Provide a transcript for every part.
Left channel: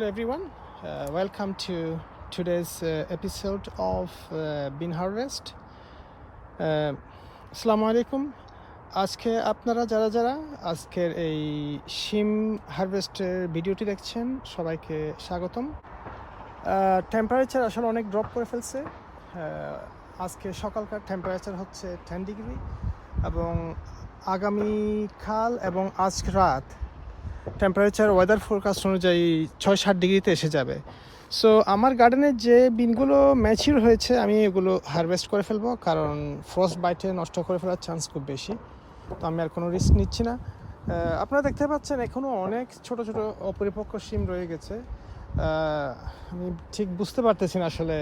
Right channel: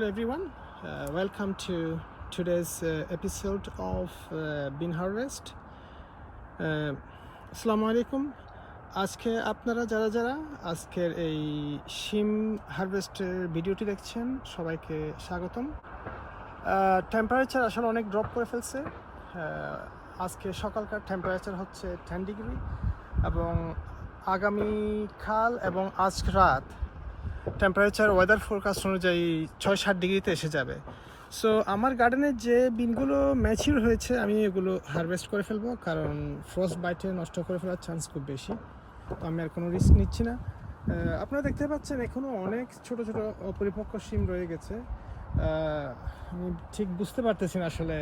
hello everyone. Uh, welcome to today's uh, episode of uh, Bean Harvest. Uh, আসসালামু আলাইকুম আজকে আপনারা যারা যারা আজকের এই শিম হারভেস্টের ভিডিওটি দেখছেন সবাইকে স্বাগতম টেম্পারেচার আসলে অনেক ড্রপ করে ফেলছে আজকে সকালকার টেম্পারেচার হচ্ছে টেন ডিগ্রি এবং আগামীকাল এবং আজ রাত টেম্পারেচার ওয়েদার ফোরকাস্ট অনুযায়ী ছয় সাত ডিগ্রিতে এসে যাবে। সো আমার গার্ডেনের যে বিনগুলো ম্যাচিউর হয়েছে, আমি এগুলো হারভেস্ট করে ফেলব, কারণ ফ্রস্ট বাইটে নষ্ট করে ফেলার চান্স খুব বেশি। তো আমি আর কোনো রিস্ক নিচ্ছি না। আপনারা দেখতে পাচ্ছেন এখনও অনেক ছোট ছোট অপরিপক্ক সিম রয়ে গেছে। আমি ঠিক বুঝতে পারতেছি না আসলে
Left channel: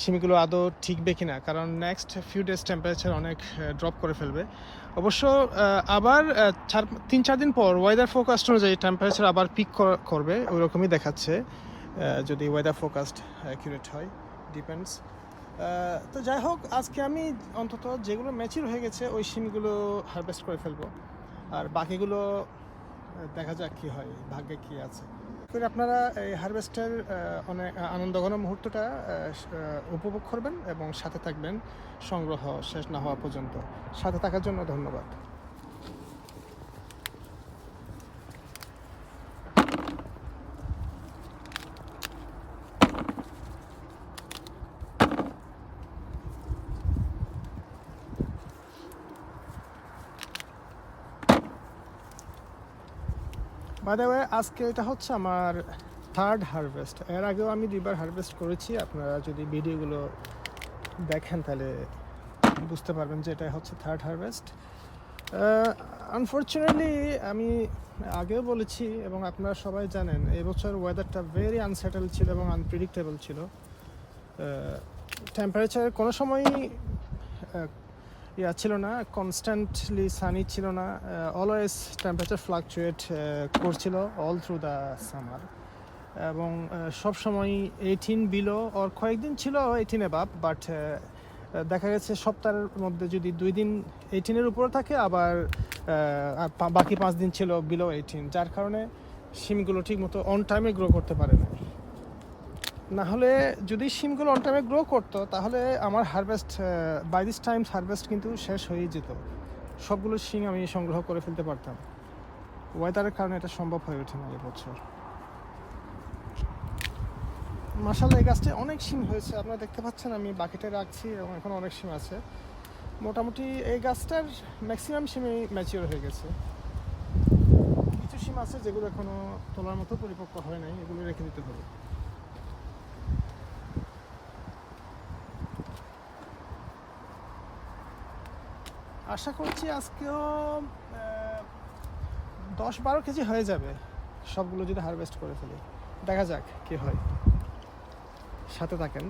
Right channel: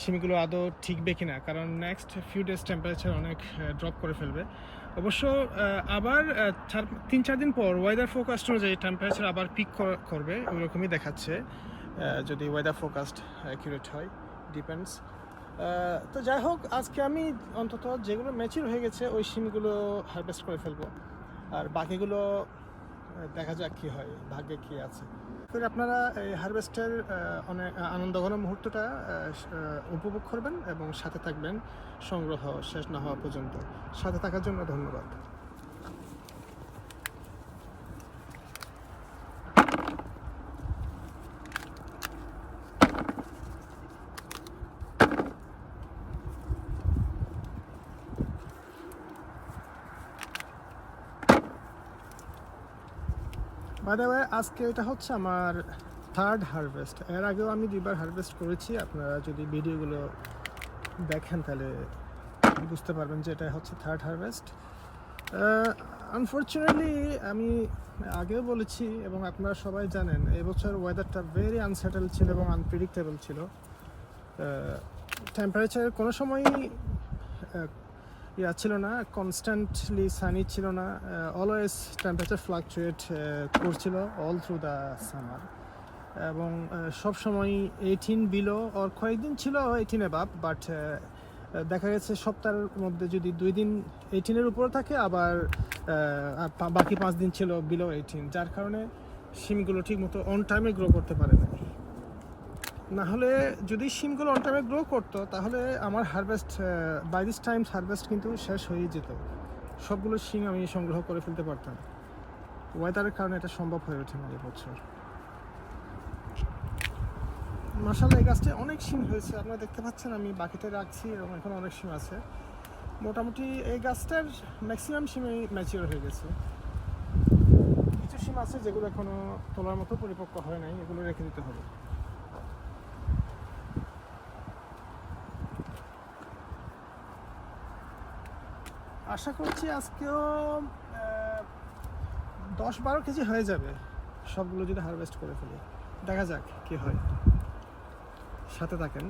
শিমগুলো আদৌ ঠিকবে কিনা, কারণ নেক্সট ফিউ ডেজ টেম্পারেচার অনেক ড্রপ করে ফেলবে। অবশ্য আবার চার, তিন, চার দিন পর ওয়েদার ফোকাস্ট অনুযায়ী টেম্পারেচার আবার পিক করবে ওই রকমই দেখাচ্ছে যদি ওয়েদার ফোকাস্ট অ্যাকিউরেট হয় ডিপেন্ডস তো যাই হোক, আজকে আমি অন্তত যেগুলো ম্যাচিউর হয়ে গেছে, ওই সিমগুলো হারভেস্ট করে ফেলব। আর বাকিগুলো, দেখা যাক কী হয়, ভাগ্যে কী আছে। করে আপনারা এই হারভেস্টের অনেক আনন্দঘন মুহূর্তটা উপভোগ করবেন এবং সাথে থাকবেন সংগ্রহ শেষ না হওয়া পর্যন্ত। সাথে থাকার জন্য ধন্যবাদ। বাদে আজকে এটা হচ্ছে আমার থার্ড হারভেস্ট এর আগেও আমি দুইবার হারভেস্ট করেছি। আপনারা যদি ভিডিওগুলো দেখেন তাহলে বুঝতে পারবেন যে এটা হচ্ছে থার্ড হারভেস্ট আনফর্চুনেটলি আমি আগেও বলেছি এবং আপনারা সবাই জানেন, এবছর ওয়েদারটা ভেরি আনসেটেল ছিল এবং আনপ্রিডিক্টেবল ছিল। টেম্পারেচার কোনো সময়ই ইয়া ছিল না কনস্ট্যান্টলি সানি ছিল না অলওয়েজ টেম্পারেচার ফ্লাকচুয়েট করছিল অল থ্রু দ্য সামার এবং সব সময় এইটিন বিলো ওর কয়েকদিন ছিল এইটিন এবাব বাট দেখা গেছে সপ্তাহের মধ্যে যদি দুই দিন এইটিনের উপরে থাকে, আবার বাকি পাঁচ দিন ছিল বিলো এইটিন যার কারণে শিমগুলো ঠিকমতো অন টাইমে গ্রো করতে পারে না না হলে যদি শিমগুলো অন টাইমে গ্রো করতো, তাহলে আমার harvest by this times harvest কিন্তু শেষ হয়ে যেত। সবগুলো শিম আমি সংগ্রহ করে ফেলতে পারতাম। ওয়েদারের কারণে এটা সম্ভব হয়ে ওঠেনি এবছর মাসাল্লাহ এই গাছটা অনেক শিম হয়েছে। আপনারা দেখতে পাচ্ছেন, আমি বাকেটে রাখছি এবং এখন অনেক শিম আছে। মোটামুটি এই গাছটার ম্যাক্সিমাম শিমই ম্যাচিওর হয়ে গেছে। কিছু শিম আছে যেগুলো এখনও তোলার মতো পরিপক্ক হয় নাই, এগুলো রেখে দিতে হবে। আশা করছি আজকেও দশ বারো কেজি হয়ে যাবে সবগুলো যদি হারভেস্ট করে ফেলি। দেখা যাক কি হয়। সাথে থাকেন।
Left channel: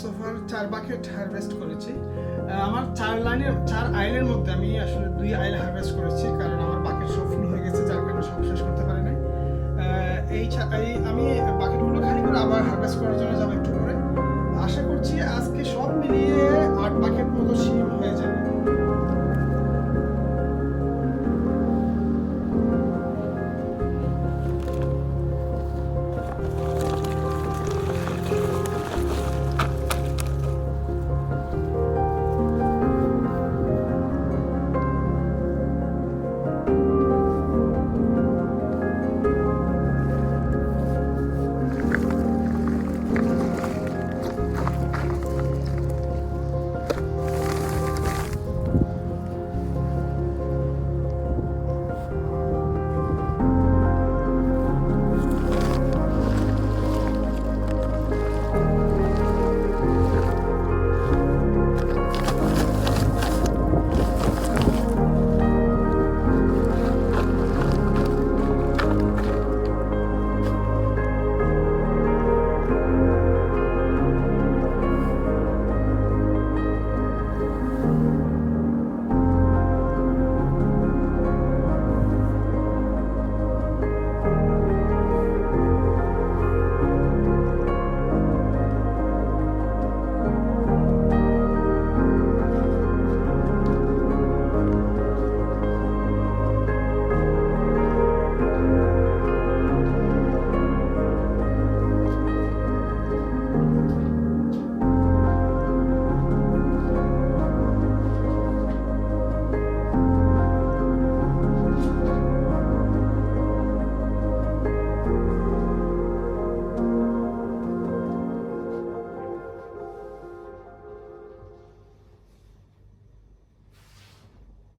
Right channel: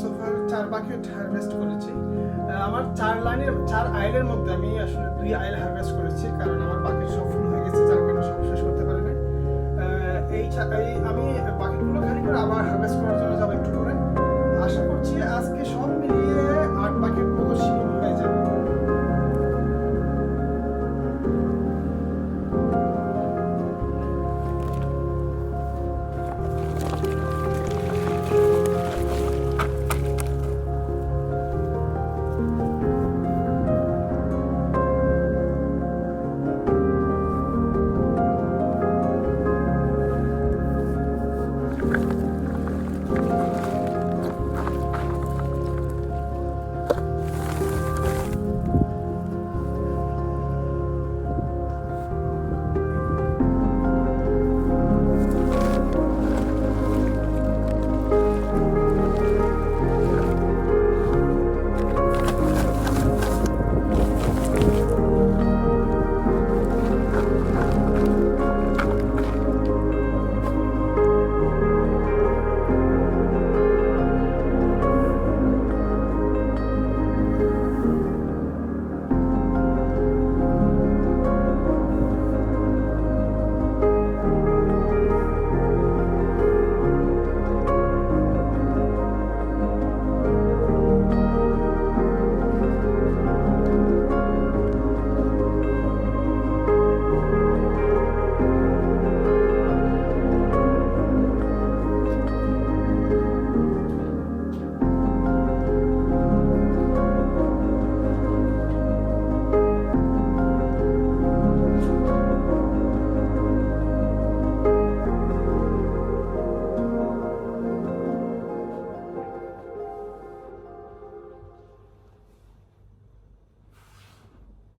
সোফার চার বাকেট হারভেস্ট করেছি। আমার চার লাইনের চার আইলের মধ্যে আমি আসলে দুই আইল হারভেস্ট করেছি, কারণ আমার বাকেট সব হয়ে গেছে, যার কারণে সব শেষ করতে পারি নাই এই আমি বাকেটগুলো খালি করে আবার হারভেস্ট করার জন্য যাব একটু করে আশা করছি আজকে সব মিলিয়ে আট বাকেট মতো শিম হয়ে যাবে।